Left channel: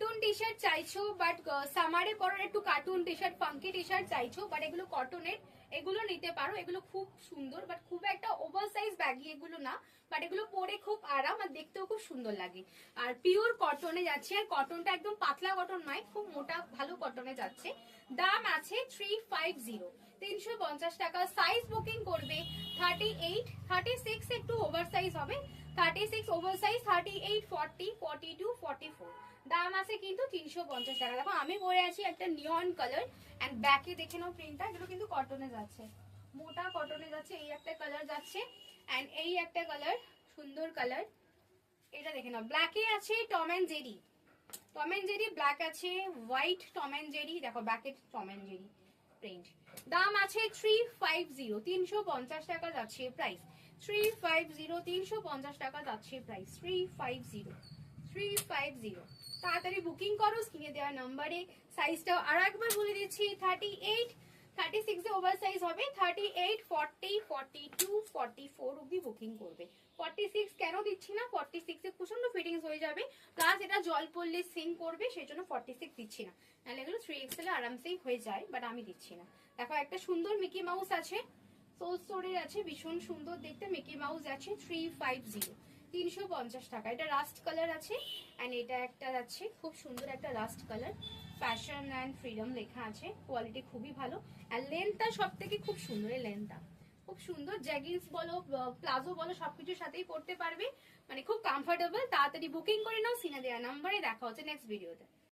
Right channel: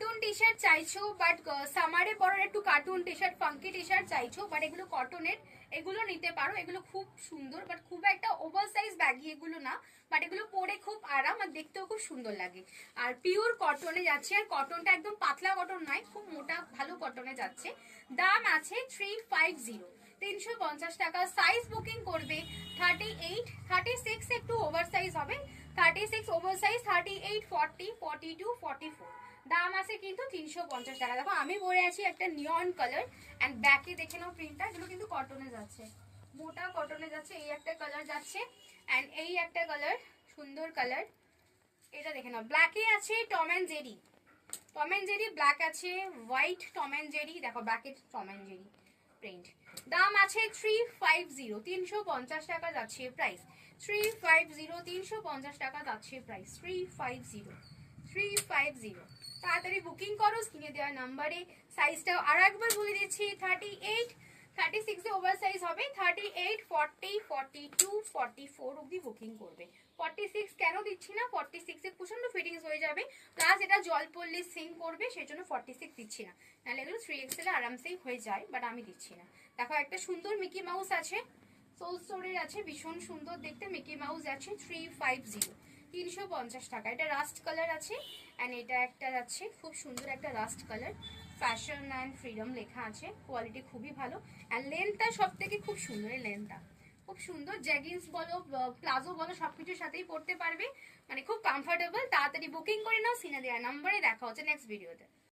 Cartoon T shirt চাইছো but সামারে পরার একটু cartoon T shirt funky T shirt চাইছো বাট এগুলো কটনের, এগুলো নিতে পারো। এগুলো খুব সুন্দর বাট খুব একটা ওভার সাইজ ব্যাগি এগুলো না, বাট এগুলো পরে খুব আরাম আর দেখতেও খুব সুন্দর লাগে। আর পিওর কটনে যাচ্ছে, আর কটনটা একদম পাতলা কটন নয়, খুব মোটা ভালো কটনে যাচ্ছে। দাম আছে 350, 350 টাকা। সাইজ বুকিং করবে 38, 36 একটু ওভার সাইজ হবে, 36 ওভার সাইজ, 38, 40, 42, 44। দাম আছে কিন্তু 350 টাকা। দেখো আমি পরে আছি একটা নিয়ন কালার, এন্ড ব্যাকে দেখে নাও প্রিন্টটা, এগুলো কিন্তু কটনে যাচ্ছে, মোটা কটনে যাচ্ছে। এই একটা কালার যাচ্ছে এন্ড এই একটা কালার, সুন্দর কালার, এটা দেখে নাও। ব্ল্যাকে আছে Tom and Jerry, Tom and Jerry black আছে, হোয়াইট টম এন্ড জেরি, দেখো ব্যাকে টম এন্ড জেরি প্রিন্ট। দাম আছে 350, 350 টাকা যাচ্ছে প্রাইস, 350, 350 টাকা যাচ্ছে প্রাইস, 350, 350। তাড়াতাড়ি বুকিং করো স্ক্রিনে দেওয়া নাম্বারে। সাইজটা আরো একবার বলে দিচ্ছি, 38, 36 এ ওভার সাইজ হবে, 38, 40, 42, 44 অব্দি বুকিং করবে। 46 কেন দিচ্ছি না, 46 এ প্রচন্ড ফিটিংস হয়ে যাবে, প্লাস এটা জল পড়লে সিং করবে, সেই জন্য 46 দিচ্ছি না। নাহলে এগুলো 3XL এ আরামসেই হয়ে যায়, বাট আমি দিচ্ছি না। দেখো একটা সুন্দর মিকি মাউস আছে, সোল স্টোরের আছে, ভীষণ সুন্দর দেখতে মিকি মাউস আছে, 350, 350 টাকা। এটা রাস্ট কালার আছে এন্ড এটা একটা যাচ্ছে খুব সুন্দর একটা rushed colour, fashion and freedom লেখা আছে, কোয়ালিটি খুবই ভালো। আর লেন্থটা সব থেকে খুব সুন্দর, এই লেন্থটা খুব সুন্দর। জ্যাগিন্স বলো প্লাজো বলো সবকিছুর সাথেই পড়তে পারবে, মানে খুব কমফোর্টেবল। তাড়াতাড়ি বুকিং করে নাও, সিনে দেওয়া নাম্বারে। দেখা হচ্ছে নেক্সট ভিডিওতে।